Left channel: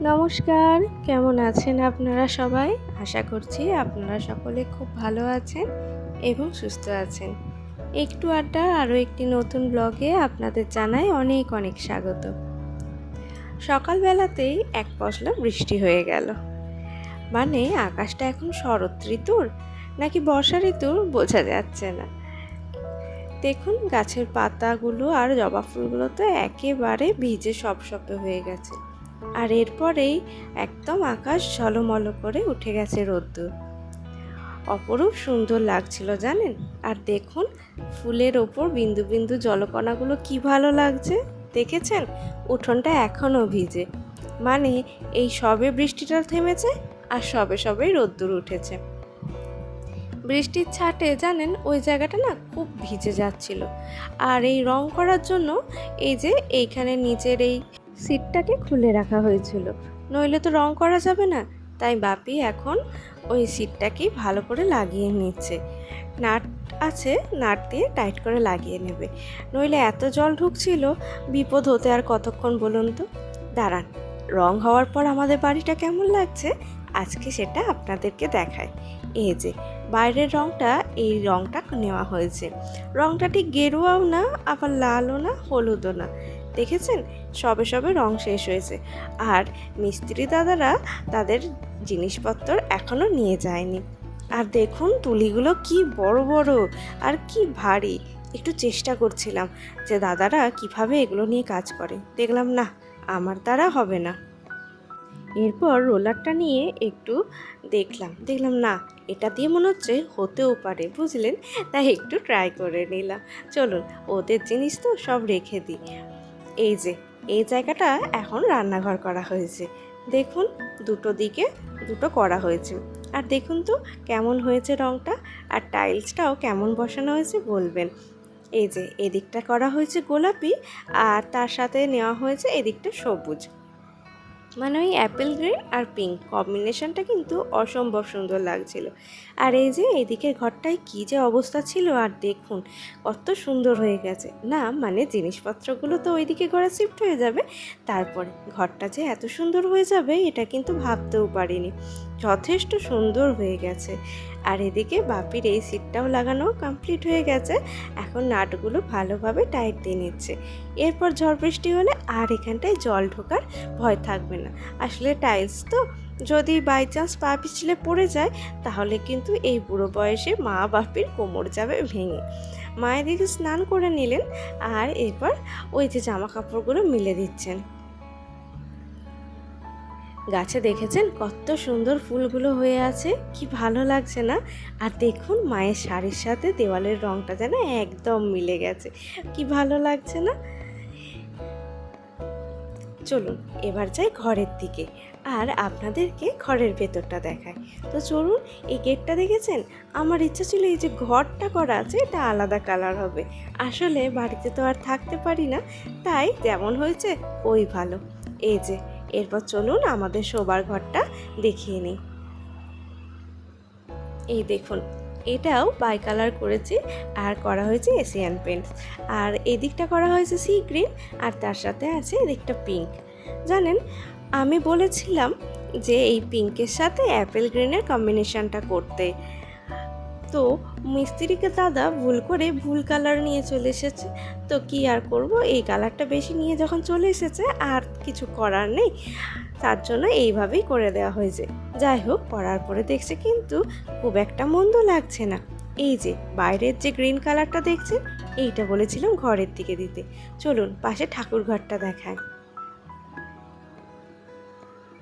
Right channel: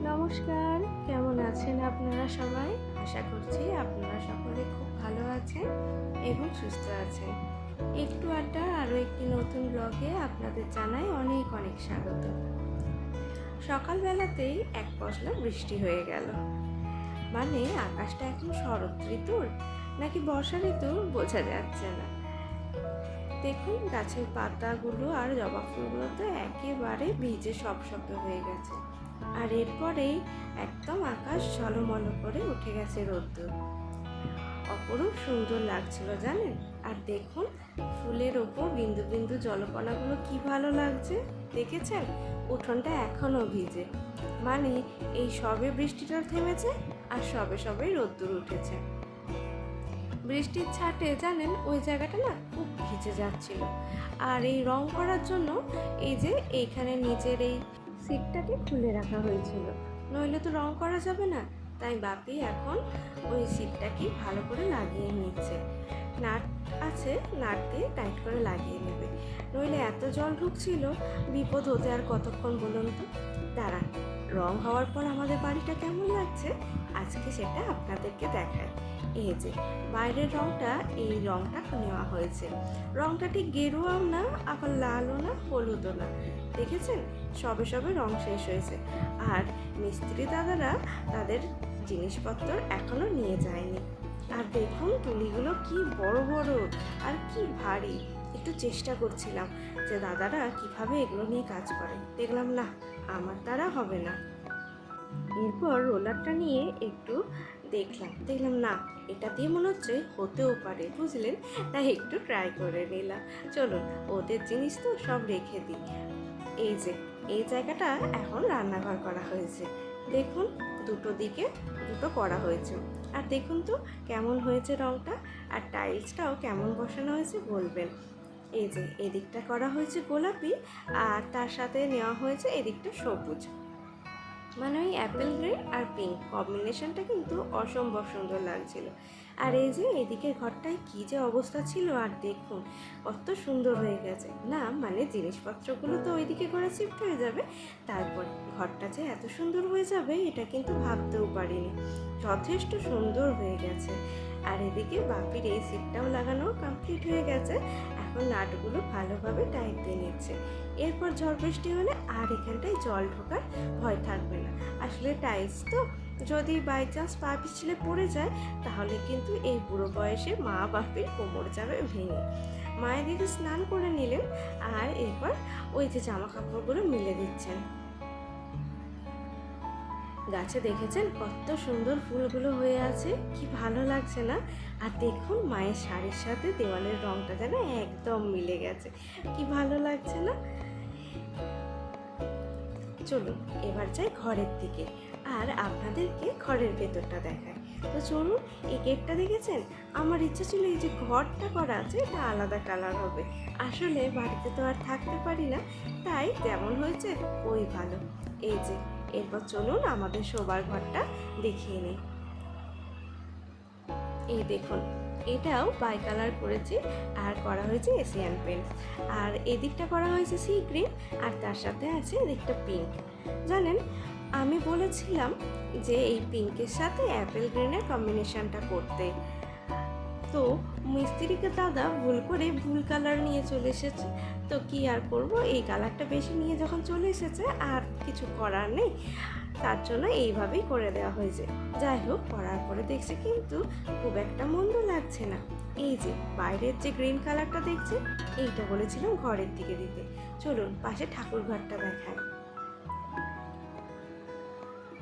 নমস্কার, কেমন আছেন আপনারা সবাই? আশা করছি আপনারা সকলে খুব ভালো আছেন এবং সুস্থ আছেন। একটু আড্ডা, আরও একটি নতুন ব্লগে আপনাদের জানাই অনেক অনেক স্বাগত। সকালবেলাতেই এক পশলা বৃষ্টি হয়ে গেল। মানে আকাশটা এখন শরৎ ঋতুর নাকি বর্ষা ঋতুর? বোঝা যাচ্ছে না। দেখুন, গাছের পাতাগুলো আর জবা ফুলগুলো তো একেবারে ভিজে সব সব হয়ে গেছে। আর এরপরেই একদম আকাশ ঝলমল করে উঠে গেছে রোদ্দুর। অপরূপ সুন্দর লাগছিল জানেন? আর দেখুন, ফুলের ওপর বিন্দু বিন্দু জলকণাগুলো কি ভালো লাগছে। দেখেছেন? উঠোনটা এখনও ভিজে। মানে এই সবে বৃষ্টিটা থেমেছে আর সবে সবেই রোদ্দুর উঠেছে। বৃষ্টির ছাটে জানেন, ওই জায়গাটা না খুব ভিজে যাচ্ছিল। আর এই রং করার জন্য এই যে এইখানে নিচের এই সিটটাকে খুলে রাখা হয়েছিল। নইলে তো রং করা যাবে না। তাই বাপি এখন ওই সিটটাকে ভালো করে লাগিয়ে নিচ্ছে। নাট আছে, নাট দিয়ে টাইট করে লাগিয়ে নেবে। নইলে এত জল ঢুকছিল, বিপদ হতে আর কতক্ষণ বলুন তো? দাঁড়ান, রং হওয়ার পর আমাদের বাড়িটা কেমন লাগছে? আজকে সেটা আপনাদেরকে দেখায় এই যে, বাইরের রংটা, এই রংটা নেওয়া হয়েছে। রংটা ঠিক গেরুয়াও না, আবার লালও না, হলুদও না। দেখেছেন? সবে সবে রং শেষ হয়েছে। আর মিস্ত্রি দাদারা তাদের জিনিসপত্র এখনও নিয়ে যায়নি। আর দেখুন তুলিগুলো কি বড় বড় আর কি ভারী। একটু চেষ্টা করছিলাম যে দাদারা কীভাবে এগুলো নিয়ে কাজ করে। দেখলাম না, আমার দ্বারা হবে না। এরপর রোলারটা নিয়ে একটু দেখলাম। দেখলাম না, এটা দিয়ে মনে হচ্ছে হতেও পারে, বুঝলেন? তাই একটু ট্রাই করে নিলাম। চলুন, ওদের জিনিস তো সব রেখে দিই। এই যে, এই জায়গাটা এখন রান্নাঘর করা হয়েছে। দেখুন, দুটো দিকে দুটো করা হয়েছে। আর দেখুন তো, কেমন হয়েছে রংটা, আর টাইলসটাও কেমন বসানো হয়েছে বলবেন। এই যে, এদিকটা করা হয়েছে গোলাপি, আর তার সাথে নেওয়া হয়েছে এদিকটা সবুজ। মানে ওই অ্যাপেল গ্রে আর পিঙ্ক কম্বিনেশনটা কিন্তু অসম্ভব সুন্দর লাগছিল। আর এই যে এদিকের ঘরটায় কী যে অবস্থা ছিল, আর দেখুন কত সুন্দর হয়ে গেছে। না মানে জিনিসপত্রগুলো তো ওইদিকে ঘরে শিফট হয়ে যাবে। তারপরে ঘরটা যে এত সুন্দর হয়ে যাবে, এটা কিন্তু ভাবতেও পারিনি। যথেষ্ট সুন্দর হয়ে গেছে। আর এদিকে বাপির এই সিটটাও লাগানো কমপ্লিট হয়ে গেছে। এখন নাটগুলো ভালোভাবে টাইট দিয়ে নিচ্ছে। এরপর ঝড় বৃষ্টি হলে আর এখানটায় জল ঢোকার ভয় থাকবে না। আসলে টাইলস তো, যদি বাই চান্স পা পিছলে পড়ে যায়, তাহলে কিন্তু এই বুড়ো বয়সে মা বাপির কোমর যাবে ভেঙে। মায়ের দিদি স্নান করে নিলেন আর এরপর ওই যে জামা কাপড়গুলো মিলে দিচ্ছেন। গাছে দেখেছেন কত সুন্দর ফুলগুলো হয়ে আছে? কি ভালো লাগছে না? আর দেখুন, মায়ের শাড়ির সাথে দেওয়ালের রংটা যেন একদম মিলে গেছে। কি ভালো লাগছে না? চলুন, এবার যাই ঘরের দিকে। আর আপনাদেরকে ঘরের ভেতরটা দেখায় তো চলুন, এই গেটটা দেখেছেন? আমার ইচ্ছা ছিল এই যে ঘরটা করা আছে, এটা আলাদা কালার হবে। আসলে বাড়িতে তো আর থাকতে পারি না, তাই যেমন হয়েছে, ওই ভালো। এই যে এরপর চলুন আমাদের শোবার ঘরটা দেখিয়ে নিই। এই দেখুন, এটাও বাই কালার করেছি আর করা হয়েছে এশিয়ান পেন্ট আর এদিকটা করা হয়েছে সি গ্রিন আর তার সাথে আছে এদিকটা পিঙ্ক জানেন, আমি বলেছিলাম যে এই পিঙ্কের সাথে অ্যাপেল গ্রিনের কম্বিনেশনটা করতে। তো মিস্ত্রিকে দাদা ভুল করে ভুল কালার নিয়ে চলে এসেছে। তো কি আর করব? এই কালারটা বেশি নিয়ে যখন চলে এসেছে আর কিছু করার নেই। তার জন্য এইভাবেই করে দেওয়া হয়েছে। যাই হোক, করার পরে দেখছে কিন্তু খুব একটা মন্দ লাগছে না। এই যে, বাইরের যে গ্রিন কালারটা দেখছে, এইটা বলেছিলাম ঘরের দিকে দিতে। চলুন, পাশে ঠাকুর ঘরটা দেখায়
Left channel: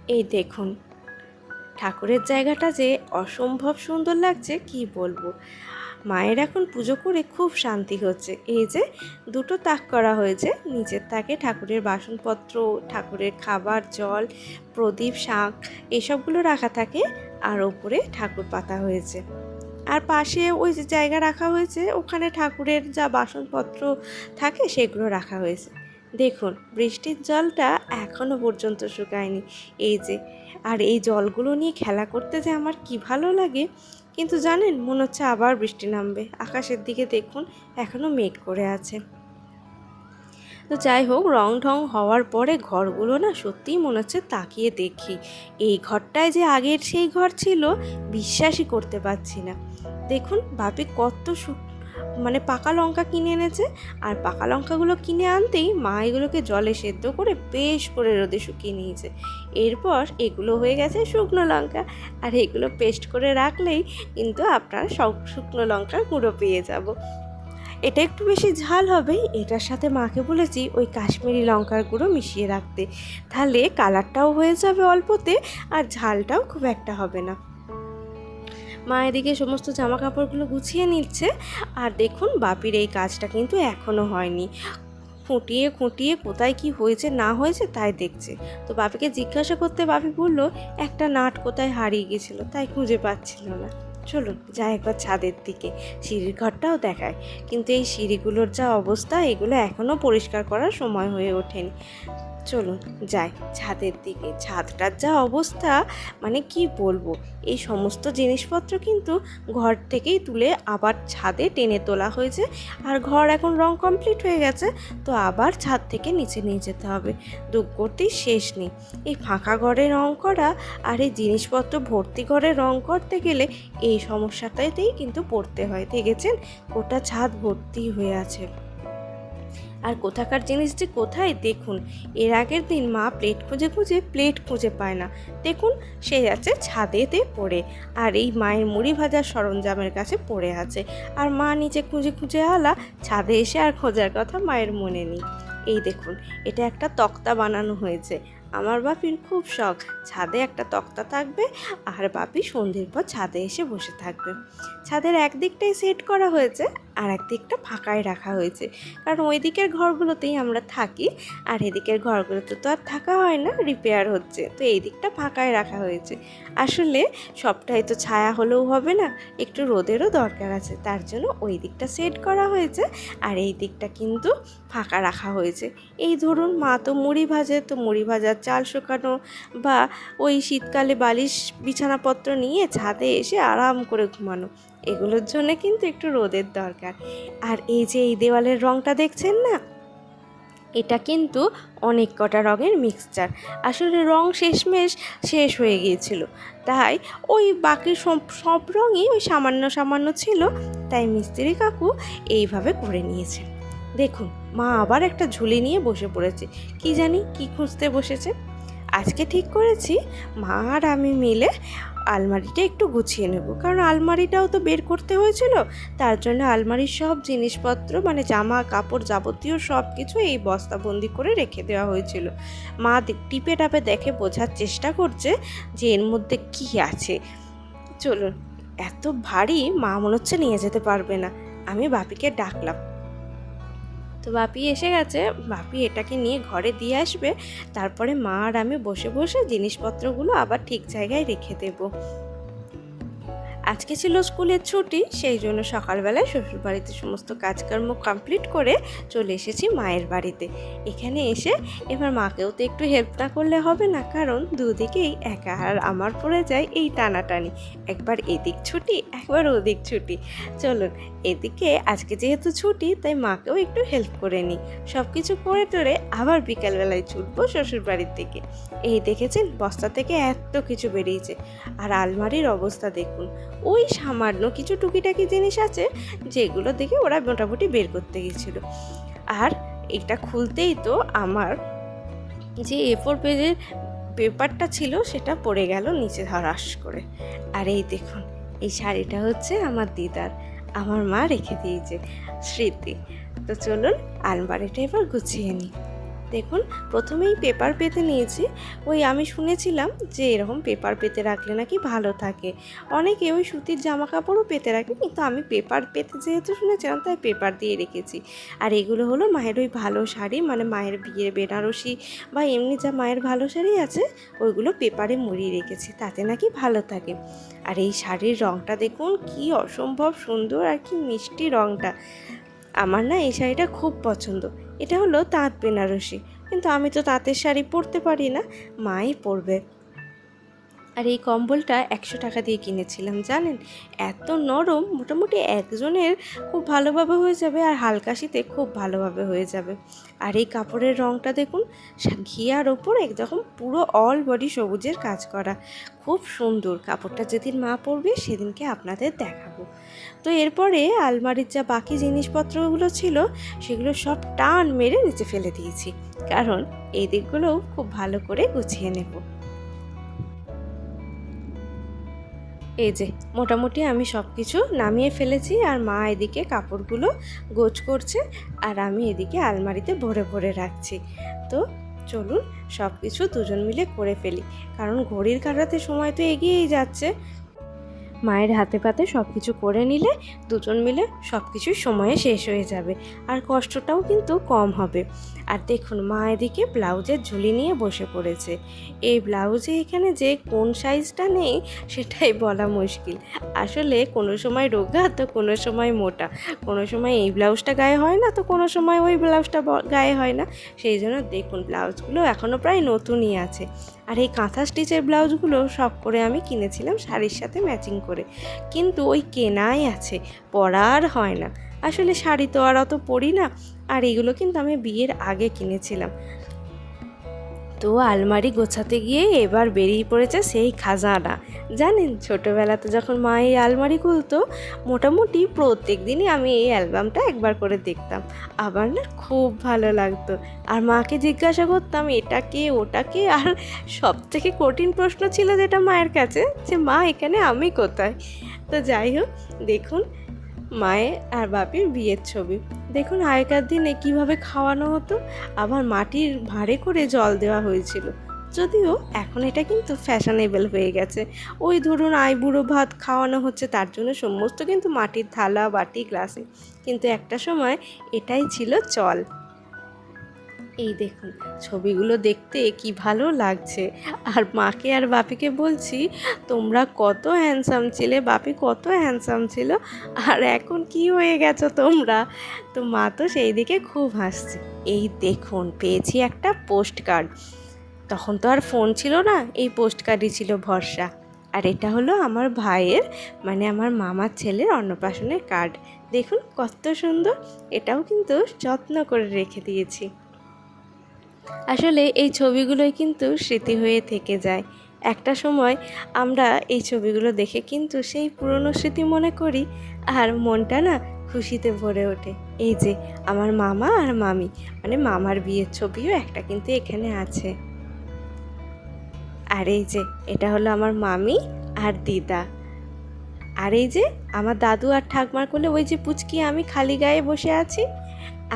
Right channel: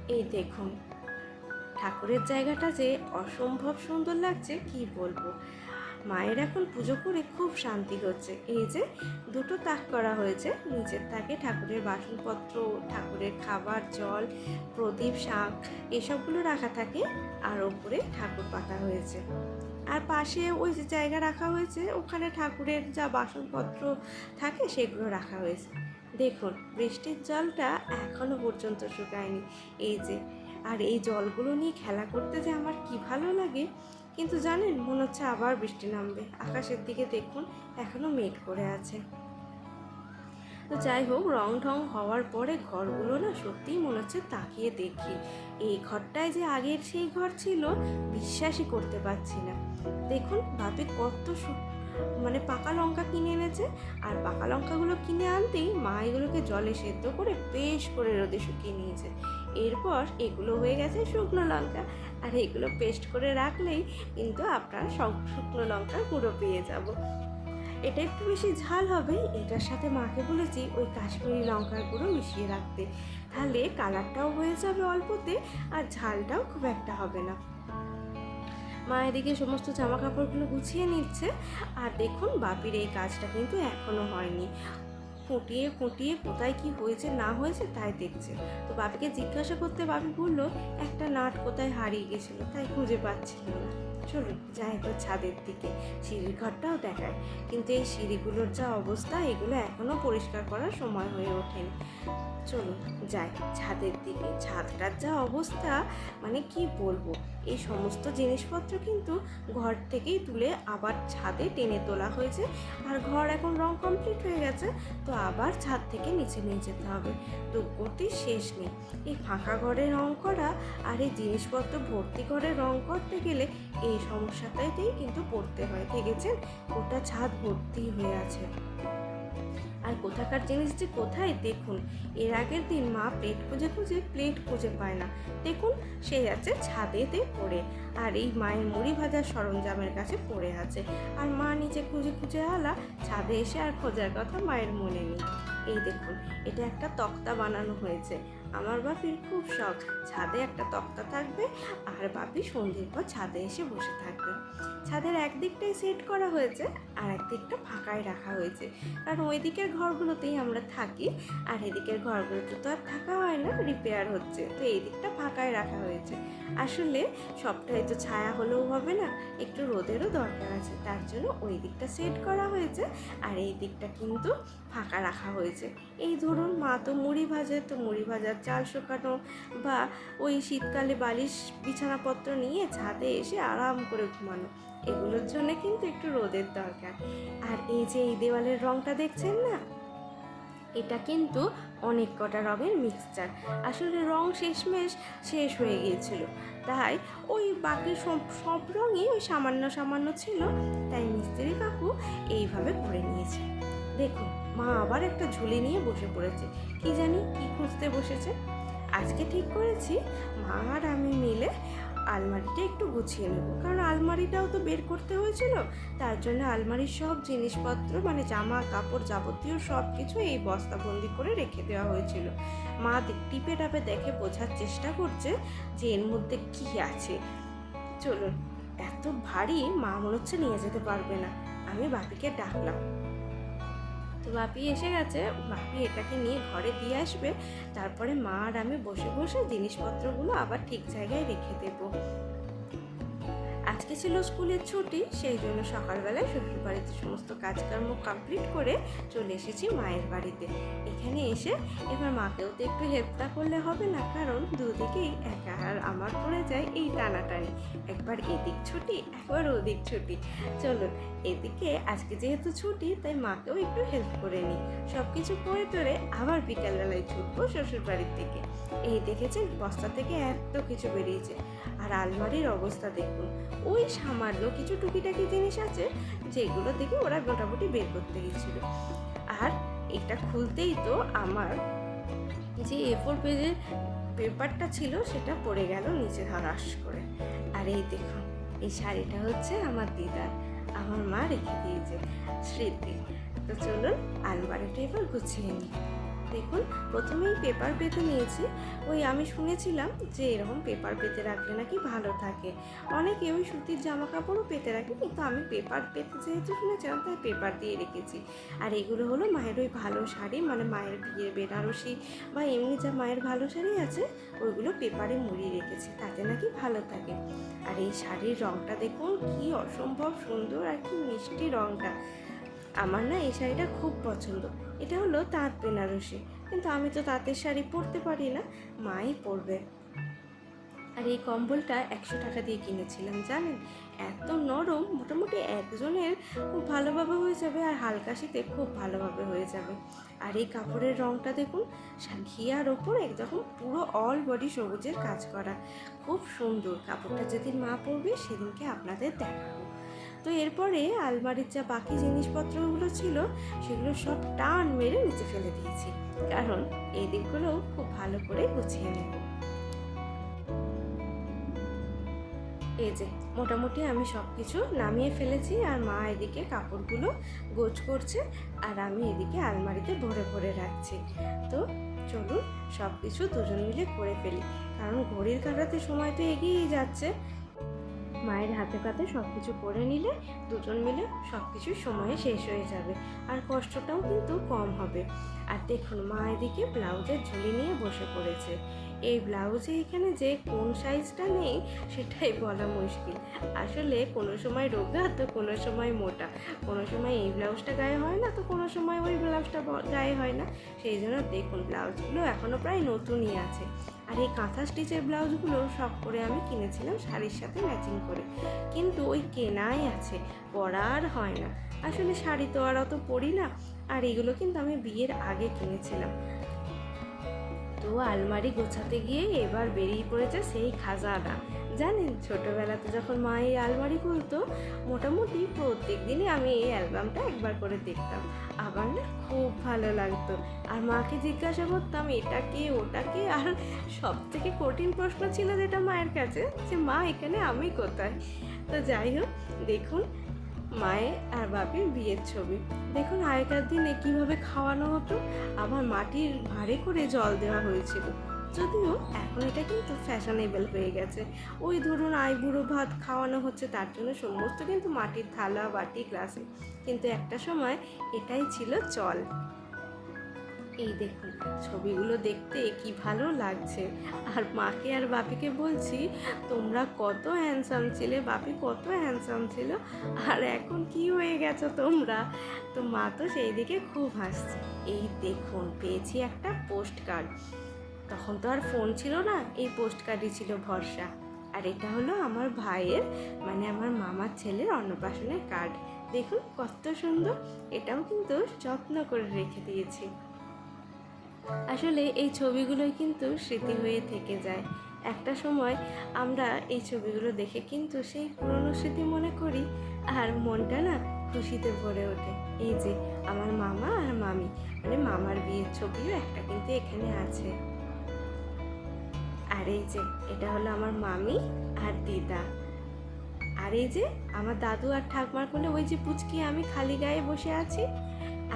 এই দেখুন, ঠাকুরের জায়গাটা যে অসম্ভব সুন্দর লাগছে, কি বলব? মায়ের এখন পুজো করে খুব শান্তি হচ্ছে। এই যে দুটো তাক করা হয়েছে, নিচের তাকে ঠাকুরের বাসনপত্র, ঠাকুরের খাবার, জল, প্রদীপ, শাঁখ এসবগুলো রাখা থাকে আর ওপরে ঠাকুর পাতা হয়েছে। আর পাশে ওই যে জায়গা রাখা হয়েছে, ওখানে ঠাকুরের যা বাসনপত্র থাকে সেগুলো রাখা হয়েছে। দেখুন, বৃষ্টির জলটা এখনও পর্যন্ত শুকায়নি। এই যে, আর এই জলগুলো নিয়ে খেলা করতে যে আমার কি ভালো লাগে কিন্তু জানেন, মনে হচ্ছে আবার বৃষ্টি নামবে। আকাশের দিকে দেখুন এখনও মেঘ করে আছে। তো যাই হোক রং ঢং হওয়ার পরে ঘরগুলো না সত্যিই মনে হচ্ছে তাকিয়ে দেখি। এই ঘরটায় যে আগের সেই ঘর ছিল, বিশ্বাসই করতে পারছি না। দেখুন, বাপে কত সু- মানে পাকা লঙ্কা কিনে এনেছে। আর পাকা লঙ্কাগুলো কিনে আনতেই মা এগুলোকে জলে সেদ্ধ করে বেশ করে রোদে শুকিয়ে নিয়েছে। এরপর এগুলো হয়ে গেছে শুকনো লঙ্কা। আর এগুলো পেস্ট করে রাখলেই কিন্তু আপনার সব শুকনো লঙ্কার গুঁড়ো পেয়ে যাব। এটা একটু বেশি ঝাল হবে। এটার সাথে মাকে বলেছি ওই কাশ্মীরি লঙ্কার গুঁড়ো মিশিয়ে রাখতে। তাহলে কালারটাও হয়ে যাবে অল্পতে আর ঝালটাও খুব একটা হবে না। মা এদিকে সমস্ত জামা কাপড়গুলো গুছিয়ে নিচ্ছে। আর দেখুন, বাপির এই কাজটা কিন্তু এখনও হয়নি। খুঁটিয়ে খুঁটিয়ে কোথায় কি হয়েছে, না হয়েছে তাই দেখছে। তো বাপিকে জিজ্ঞাসা করতে বাপি বলল, একটা নাট কোথায় হারিয়ে গেছিল, তাই খুঁজে পাচ্ছিল না। চলুন, যাই একবার ছাদের দিকে। সিঁড়ির ঘরটাও দেখায়। কিন্তু এই সিঁড়িগুলোর যা অবস্থা, এগুলো এখনও পরিষ্কার করার সময় হয়ে ওঠেনি। চলুন যাই। ছাদের দিকে। ছাদটার যা অবস্থা মানে কি বলব? এই সমস্ত জিনিসপত্র কিন্তু ঘর থেকেই তুলে আবার ছাদে টেনে তোলা হয়েছে। আর ঘর এখন রং কমপ্লিট হয়ে গেছে, তো আবার ছাদ থেকে নিচে নিয়ে যেতে হবে। দুঃখ করতেই শেষ নেই। এই ফাঁকা ঘরে রং করা আর এই জিনিসপত্র ভর্তি ঘরে রং করতে গেলে এই সমস্যাটাতেই কিন্তু পড়তে হয়, দেখেছেন? গোটা ছাদ ভর্তি হয়ে আছে। আর কোথাকার জিনিস যে কোথায়, দেখুন। এর আগের দিন মা প্লেট খুঁজে খুঁজে প্লেট খুঁজে পায় না। দেখুন, সে আছে ছাদেতে পড়ে। আর এই মায়ের মুড়ি ভাজার সরঞ্জামের কাছে পড়ে আছে। আর মা নিচে খুঁজে খুঁজে আলা, ছাদে এসে আর খোঁজার কথা মায়ের মনে নেই। এই দেখুন, এটা একটা তক্তা বানানো হয়েছে। আমার বাপির খুব শখ, ছাদে একটা তক্তা থাকবে আর বাপি সন্ধ্যের পর ছাদে এসে বসে থাকবে। ছাদের একদিকটাই সেট করা হয়েছে। আর একদিকটা ফাঁকায় রাখা হয়েছে। কারণ ওই দিকের ঘরগুলোতেই আমরা থাকি, আর এদিকের ঘরগুলোতে তো আর থাকা হয় না রিপেয়ার হচ্ছে। তো এই দিকটা ফাঁকায় রাখা হয়েছে। আসলে সবটাই তো ছায়া হলেও হবে না, একটু রোদেরও দরকার আছে। তার জন্য ওই দিকটা সেট করা হয়েছে, আর এই দিকটা কিন্তু ফাঁকা রাখা হয়েছে। এই ধরুন মা তো মুড়ি ভাজে, তো মুড়ি ভাজার চাল শুকানো বা ওই শীতকালে বালিশ বিছানাপত্র নিয়ে ছাদে এসে আরাম করে ঘুমানো। এগুলোর জন্য কিন্তু একটু রোদের দরকার। আর এই যে এই দেওয়ালের রংটা দেখছেন না? এটা কিন্তু অনেক কটা রঙের মিক্সচার আসলে রং শেষমেশ শেষ হয়ে গিয়েছিল। তাই ওই বাকি সব সব রঙই ওই সামান্য সামান্য ছিল। তাই মিস্ত্রি কাকু এইভাবে করে নিয়েছে। দেখুন, মা আবার একটা ঝুলি নিয়ে বসে পড়েছে। কি জানি কি খুঁজতে বসেছে। আজকে ঠিক করেছি, মা আর আমি মিলে আলমারিটা একটু গুছিয়ে নেব। কারণ আলমারিটাও তো বের করতে হয়েছিল, তার জন্য আলমারির সব জিনিসপত্র মানে জামা, কাপড় যাবতীয় সব কিছু এই বস্তাবন্দি করে রেখে দেওয়া হয়েছিল। মা টিপে টাপে দেখে বোঝার চেষ্টা করছে যে এর মধ্যে কি আছে। চলুন, এত ভারী মা মনে হচ্ছে নিয়ে যেতে পারবে না। আমি বাপিকে ডাকলাম তো বাপি এসে গেছে। বাপি এটাকে নিয়ে ঘরে দিয়ে আসবে। তারপরে মা আর আমি বসে বসে জিনিসপত্রগুলো আবার ঠিক জায়গায় রেখে দেব। আজকে ছিল স্কুলের ছুটি, সেই জন্য সকালবেলায় শ্বশুরবাড়িতে সমস্ত কাজকর্ম কমপ্লিট করে চলে এসেছি মায়ের বাড়িতে। এখানে এসে এবার মাকেও তো একটু হেল্প না করলে হবে না, কারণ দুদিকেই একা আর আমার পড়ে যায় এই টানাটানি। একবার এদিক ছুটি, একবার ওদিক ছুটি। চলুন, এদিকে আজকে যেহেতু ছুটি, তাই মাকেও একটু হেল্প করে নিই। সব কিছু করে টোরে আবার বিকালবেলায় ছুটবো শ্বশুর বাড়ির থেকে এই দেখেছেন, বস্তা থেকে এত কিছু বেরিয়েছে। আর আলমারির অবস্থা দেখুন ওই সামান্য কিছু টুকিটাকি জিনিস আছে যেগুলো দেখে ওরা মোটামুটি বের করতে গেছিল। আর এটা খুলতেই তো আমার যে এ ফোর পেজের পেপারটা ছিল সেটা পড়ে গেল নিচে ধরাস করে। আর এই দেখুন, এই শাড়িটা হচ্ছে আমার দিদার। আমার মা রেখে দিয়েছে স্মৃতি। তো চলুন আলমারিটা এবার গুছিয়ে নিই। দেখুন, প্রথমেই পেপার পেতে নিয়েছি। ওই আমি শুনেছিলাম যে এরকম পেপার পেতে রাখলে নাকি ভালো থাকে। অনেকে ওই সুতির জামা কাপড়ও পেতে রাখে, কিন্তু আমি পেপার পেতে যেহেতু শুনেছিলাম, তাই পেপার দিয়ে রেখেছি। আর এগুলো হলো মায়ের ওই ভালো শাড়ি মানে মায়ের বিয়ের বেনারসি বা এমনি যা মায়ের ভালো শাড়ি আছে, ওইগুলো পেপারে মুড়িয়ে রেখেছি, তাতে নাকি ভালো থাকে। আর এই শাড়ির রঙটা দেখুন, কি অসম্ভব সুন্দর আর কি মিষ্টি রঙটা আমার না এই শাড়িটা খুব পছন্দ। এটা হলো তাঁত বেনারসি। কিন্তু আমি তো তাঁতের শাড়ি পরতে পারি না মাই পরবে। আর এই কম্বলটা একশো টাকা দিয়ে কিনেছিলাম, জানেন? এত নরম, মোটামুটি একজনের খুব ভালোভাবে হয়ে যাবে আর হালকা শীতে খুব ভালোভাবে হয়ে যাবে। আর এই কাপড়ের রঙটা দেখুন ঘিয়ার ওপর একদম পুরো অল বডি সবুজের কাজ করা। খুব সুন্দর, কাপড়টা যেদিন মা পরবে সেদিনকে আপনাদের দেখাবো। তো এরপরে আলমারির যা বাকি জিনিসপত্রগুলো ছিল, সেগুলো সব টান মেরে নিচে ফেলে দিয়েছি। কারণ এই দিকগুলোও খুব ভালো করে গুছিয়ে নেব। এই যে, মোটামুটি আমি সব কিছু নামিয়ে ফেলেছি আর মা এদিকে কাপড়গুলো গোছ করছে আর আমি এদিকে আলমারিতে ভরে ভরে রাখছি। তো চলুন সব কিছু দুজন মিলে করে ফেলি। কারণ ঘড়ির কাটাতে সময় তো এগিয়েই যাচ্ছে। মায়ের হাতে পাতে সব কিছু করে নিলে দুজন মিলে সব কিছুই সময়ে শেষ হয়ে যাবে। আর কষ্টটাও কিন্তু কম হবে। আর দেখুন, মা এদিকে ব্লাউজের ঝুলি নিয়ে বসে পড়েছে। এই ব্লাউজে এখানে যে কোন সাইজটা নেই, সেটাই বলা মুশকিল। আসলে কোনো সময় রোগা, তো কোনো সময় মোটা। কোনো সময় এই ব্লাউজটা গায়ে হয় না, তো কোনো সময় ওই ব্লাউজটা গায়ে হয় না। সেই জন্য দেখুন, ব্লাউজগুলো এখনও প্রায় নতুনই আছে। আর এই কাঁথা স্টিচের ব্লাউজগুলো সব করে আমি কিনেছিলাম শাড়ির সাথে ম্যাচিং করে। কিন্তু ওই কেনাই আছে পরার হয় না। আসলে শাড়ি তো আর অত পরি না। আর এগুলো কিন্তু আমি বিয়ের আগে কিনেছিলাম। তো আলমারি গোছাতে গিয়ে এবার বেরিয়ে পড়েছে সেই খাজানা। জানেন ছোটোবেলাতে যখন মা এই আলমারি খুলতো, মোটামুটি প্রত্যেক দিনই আমি এই অ্যালবামটা একবার করে দেখতাম। আবার না খুব ভালো লাগতো। আর মাকে জিজ্ঞাসা করতাম, এটা কে, ওটা কে? আর সব থেকে কঠিন প্রশ্ন ছিল যেটা মায়ের কাছে, যে, মা, এখানে আমি কোথায়? তো যাই হোক, দেখুন মায়ের আর বাপির বিয়ের ছবি। দেখুন আগেকার দিনে কীভাবে খাওয়ানো হতো, আবার মাটির ভারে করে জল দেওয়া হয়েছিল। যদিও এখন এটা কিন্তু ফ্যাশনেবল হয়ে গেছে। ওই ধরুন আইবুড়ো ভাত খাওয়ানো হচ্ছে, তার জন্য সমস্ত কিন্তু মাটির থালা, বাটি, গ্লাসে। কিন্তু একটা সময় এটাই ছিল চল। এই দেখুন, ছবিগুলো দেখতে কি ভালো লাগছে। আর মাকে আর বাপিকে বলছি, তোমরা কত হ্যান্ডসাম ছিলে, বাপি কত হ্যান্ডসাম ছিল, আর এখন কি হয়ে গেছো তোমরা? তো মা তো সেই দিকে খুব হাসছে। এই দেখুন, পেয়েছি একটা পোস্ট কার্ড তখন তো আর ফোন ছিল না, এই পোস্ট কার্ডই ছিল ভরসা। আর এটা হলো আমার ভাইয়ের মানে আমার মামার ছেলের অন্নপ্রাশনের কার্ড দেখুন কত সুন্দর, এটাও কিন্তু যত্ন করে রেখে দিয়েছি। আসলে এই ছবিগুলোই কিন্তু স্মৃতি হয়ে থেকে যায়। একটা সময় আমরা এই ছবিগুলো দেখে কিন্তু সেই পুরনো স্মৃতি মনে করি, আর মনটা না খুশিতে ভরে ওঠে। এই যে আমার মামা আর মামি মানে মামার বিয়ের ছবিও একটা কিন্তু এখানে আছে। আর এই যে এটা হলো আমার মামি আর দিদা। আর এই যে আমার দাদু আর ঠাকমার কোলে ওই যে পুচকি আমি খালি গায়ে বসে আছি।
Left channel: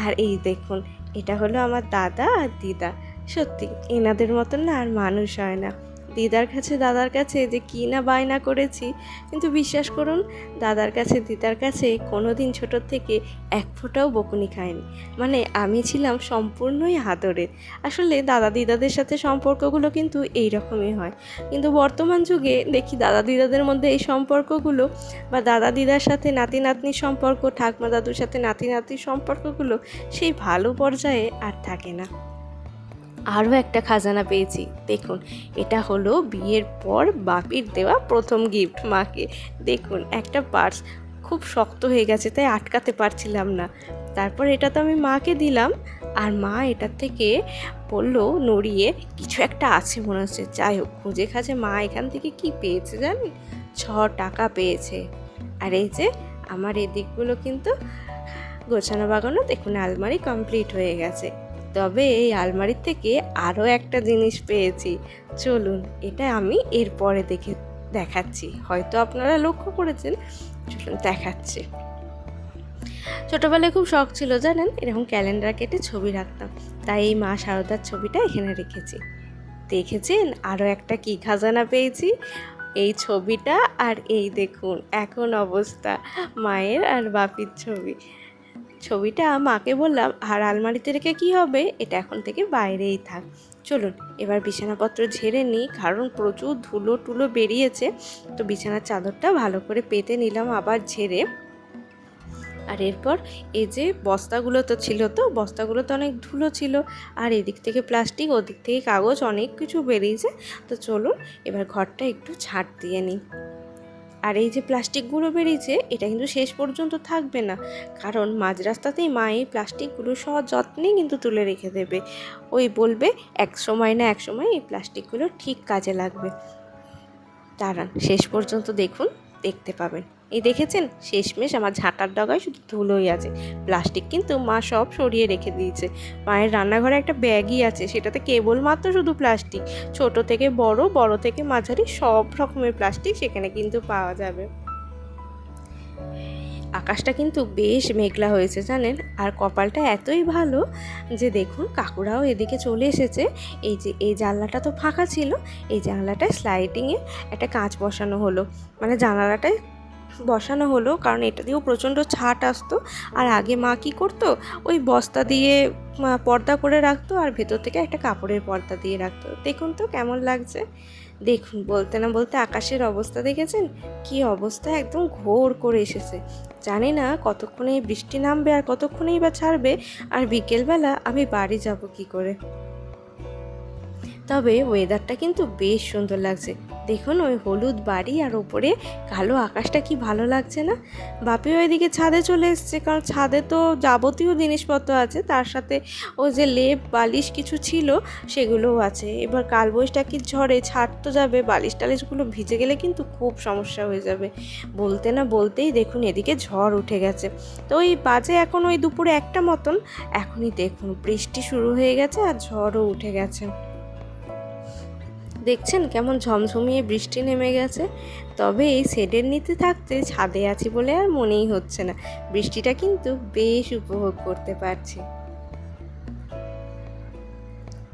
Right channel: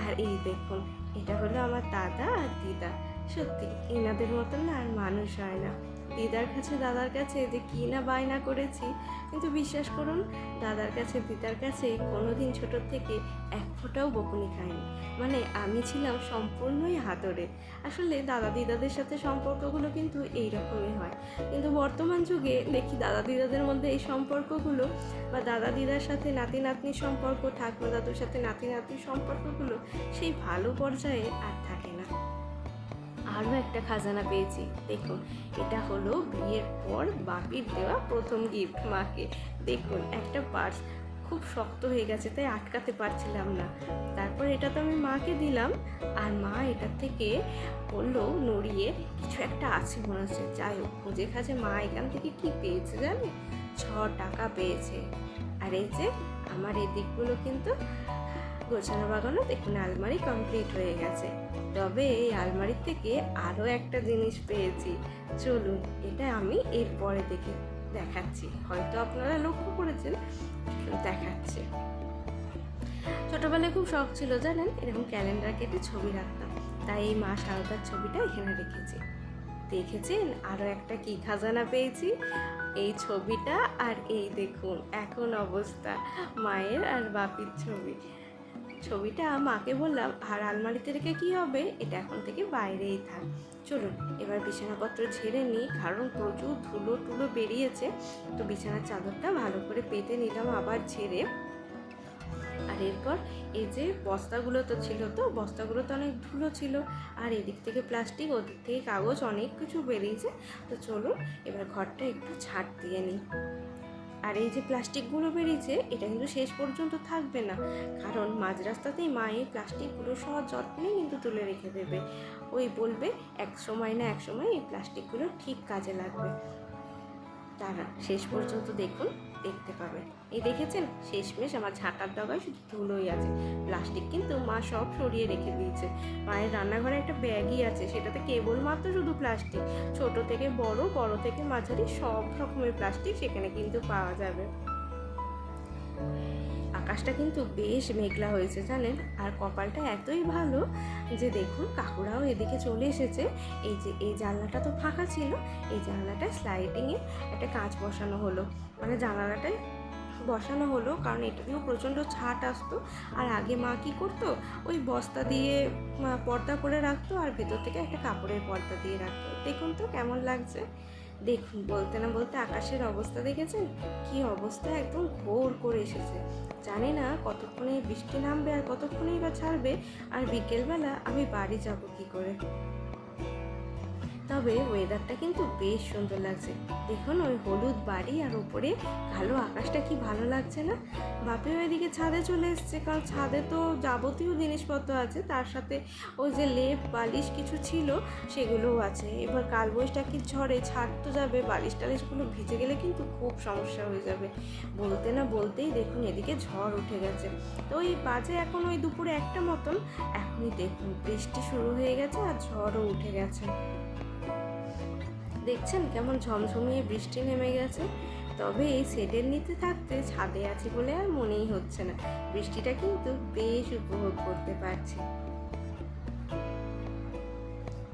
আর এই দেখুন এটা হলো আমার দাদা আর দিদা। সত্যি এনাদের মতন না আর মানুষ হয় না। দিদার কাছে, দাদার কাছে যে কী না বায়না করেছি, কিন্তু বিশ্বাস করুন, দাদার কাছে, দিদার কাছে কোনো দিন ছোটোর থেকে এক ফোঁটাও বকুনি খায়নি মানে আমি ছিলাম সম্পূর্ণই হাতরের আসলে দাদা দিদাদের সাথে সম্পর্কগুলো কিন্তু এই রকমই হয়। কিন্তু বর্তমান যুগে দেখি দাদা দিদাদের মধ্যে এই সম্পর্কগুলো বা দাদা দিদার সাথে নাতি নাতনির সম্পর্ক, ঠাকমা দাদুর সাথে নাতি নাতির সম্পর্কগুলো সেই ভালো পর্যায়ে আর থাকে না। আরও একটা খাজানা পেয়েছি। দেখুন, এটা হলো বিয়ের পর বাপির দেওয়া প্রথম গিফট মাকে। দেখুন, একটা পার্স খুব শক্ত হয়ে গেছে, তাই আটকাতে পারছিলাম না। তারপর এটা তো আমি মাকে দিলাম, আর মা এটার থেকে বলল, নড়িয়ে, কিছু একটা আছে মনে হচ্ছে। যাই হোক, খুঁজে খাজে মা এখান থেকে কি পেয়েছে জানি? ছ টাকা পেয়েছে। আর এই যে, আমার এই দিকগুলো কিন্তু গোছানো বাগানো দেখুন, আলমারি কমপ্লিট হয়ে গেছে। তবে এই আলমারির থেকে আরও একটা জিনিস পেয়েছি। চলুন, এটা আমি এরপরে দেখে দেখাচ্ছি। হয়তো আপনারা লক্ষ্য করেছেন, চলুন দেখাচ্ছি। ছোটোবেলায় খুব শখ ছিল, জানেন? এরকম ক্যালেন্ডার কেটে ছবি রাখতাম। তাই এই মা শারদার ছবিটা এখানে রেখেছি। দেখেছেন? আরও একটা কি খাজানা পেয়েছি? এই ছবিটা আর এই দেখুন, এখন অবস্থা। মায়ের আর বাপির ছবি। ছবিটা মাকে বললাম, আর আলমারিতে রেখে কি হবে? এটা এখন থেকে বাইরেই থাক। চলুন, এবার বিছানাপত্র ঝেড়ে নিই, কারণ প্রচুর ধুলো টুলো বেরিয়েছে। তো বিছানার চাদরটা ভালো করে পেতে নিলাম আবার ঝেড়ে। আর এরপর এই যে বস্তাগুলো তো ছিল তো, বস্তাগুলো তো অনেক ধুলো ছিল। আর এদিক থেকে প্লাস্টিক, ওদিক থেকে কাগজ, অনেক কিছু বেরিয়েছে। তো চলুন, এবার ঘরটা একটু ছাড় দিয়ে নিই। আর এই যে প্লাস্টিকগুলো বেরিয়েছে, এটা কিন্তু শেষ পর্যন্ত থাকবে না। কারণ মাঝ রাস্তাতেই মা এই প্লাস্টিকগুলো সহ যত্নে কিন্তু তুলে রেখে দেবে। ওই বলবে, এক সময় না, এক সময় এই প্লাস্টিকগুলো ঠিক কাজে লাগবে। দাঁড়ান, শেষ পর্যন্ত দেখুন, দেখতে পাবেন। এই দেখেছেন? শেষমেশ আমার ঝাঁটার ডগায় শুধু ধুলোই আছে। প্লাস্টিক কিন্তু মা সব সরিয়ে রেখে দিয়েছে। মায়ের রান্নাঘরে একটা ব্যাগই আছে, সেটাতে কেবলমাত্র শুধু প্লাস্টিক। ছোট থেকে বড় বড় থেকে মাঝারি সব রকমের প্লাস্টিক সেখানে কিন্তু পাওয়া যাবে। আকাশটা কিন্তু বেশ মেঘলা হয়েছে, জানেন? আর কপালটা এতই ভালো যে দেখুন, কাকুরাও এদিকে চলে এসেছে। এই যে, এই জানলাটা তো ফাঁকা ছিল। এই জানলাটায় স্লাইডিংয়ে একটা কাঁচ বসানো হলো। মানে জানালাটায় বসানো হলো, কারণ এটা দিয়েও প্রচণ্ড ছাট আসতো। আর আগে মা কী করতো? ওই বস্তা দিয়ে পর্দা করে রাখতো আর ভেতর থেকে একটা কাপড়ের পর্দা দিয়ে রাখতো। দেখুন তো কেমন লাগছে। দেখুন, বলতে না বলতে আকাশের অবস্থা দেখেছেন? কি অবস্থা, একদম ঘোর করে এসেছে। জানি না কতক্ষণে বৃষ্টি নামবে আর কতক্ষণেই বা ছাড়বে। আর বিকেলবেলা আমি বাড়ি যাব কি করে? তবে ওয়েদারটা কিন্তু বেশ সুন্দর লাগছে। দেখুন, ওই হলুদ বাড়ি আর ওপরে কালো আকাশটা কি ভালো লাগছে না? বাপি ওইদিকে ছাদে চলে এসছে, কারণ ছাদে তো যাবতীয় জিনিসপত্র আছে। তার সাথে ওই যে লেপ, বালিশ কিছু ছিল, সেগুলোও আছে। এবার কালবৈশাখীর ঝড়ে, ছাদ তো যাবে, বালিশ টালিশগুলো ভিজে গেলে কিন্তু খুব সমস্যা হয়ে যাবে। বলতে না বলতেই দেখুন, এদিকে ঝড় উঠে গেছে। তো ওই বাজে এখন ওই দুপুরে একটা মতন, এখনই দেখুন, বৃষ্টি শুরু হয়ে গেছে আর ঝড়ও উঠে গেছে। দেখছেন কেমন ঝমঝমিয়ে বৃষ্টি নেমে গেছে? তবে এই শেডের নিতে থাকতে ছাদে আছি বলে আর মনেই হচ্ছে না। বৃষ্টিটা কিন্তু বেশ উপভোগ করতে পারছি।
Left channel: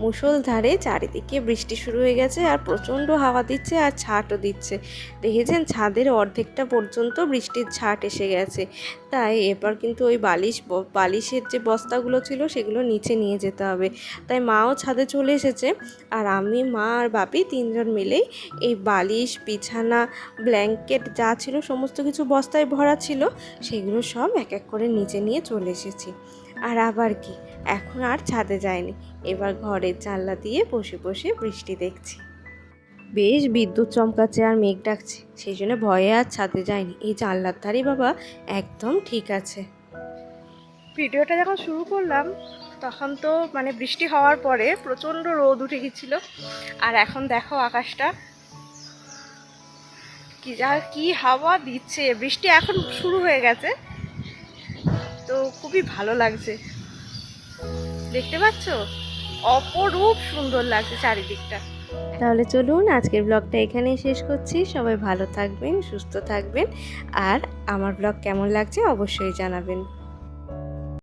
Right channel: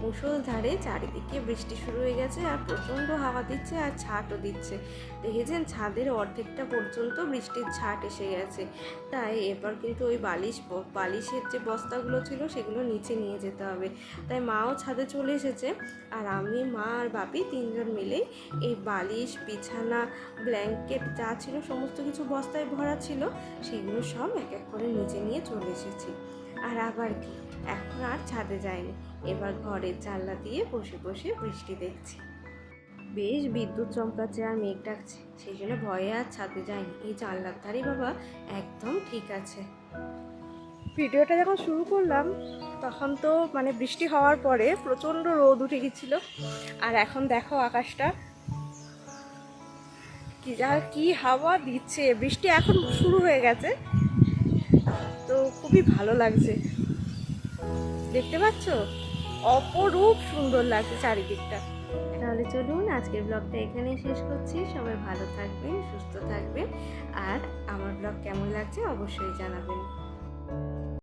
মুষলধারে চারিদিকে বৃষ্টি শুরু হয়ে গেছে আর প্রচণ্ড হাওয়া দিচ্ছে আর ছাটও দিচ্ছে। দেখেছেন, ছাদের অর্ধেকটা পর্যন্ত বৃষ্টির ছাট এসে গেছে। তাই এবার কিন্তু ওই বালিশ বালিশের যে বস্তাগুলো ছিল সেগুলো নিচে নিয়ে যেতে হবে। তাই মাও ছাদে চলে এসেছে আর আমি, মা আর বাপি তিনজন মিলেই এই বালিশ, বিছানা, ব্ল্যাঙ্কেট যা ছিল, সমস্ত কিছু বস্তায় ভরা ছিল, সেগুলো সব এক এক করে নিচে নিয়ে চলে এসেছি। আর আবার কি? এখন আর ছাদে যায়নি। এবার ঘরের জানলা দিয়ে বসে বসে বৃষ্টি দেখছি। বেশ বিদ্যুৎ চমকাচ্ছে আর মেঘ ডাকছে। সেই জন্য ভয়ে আর ছাদে যায়নি। এই জানলার ধারে বাবা একদম ঠিক আছে। ভিডিওটা যখন শুরু করলাম, তখন তো মানে বৃষ্টি হওয়ার পরে প্রচণ্ড রোদ উঠে গেছিল আর এখন দেখো আকাশটা। কি যা, কি হাওয়া দিচ্ছে। বৃষ্টি এখন শুরু হয়ে গেছে। তো খুবই ভালো লাগছে। দেখতে পাচ্ছ? অপরূপ সুন্দর লাগছে চারিদিকটা। তাহলে চলুন, আজকের ব্লগটা এখানেই শেষ করছি। সবাই ভালো থাকবেন, সুস্থ থাকবেন। আর আমার ব্লগ কেমন লাগছে অবশ্যই জানাবেন।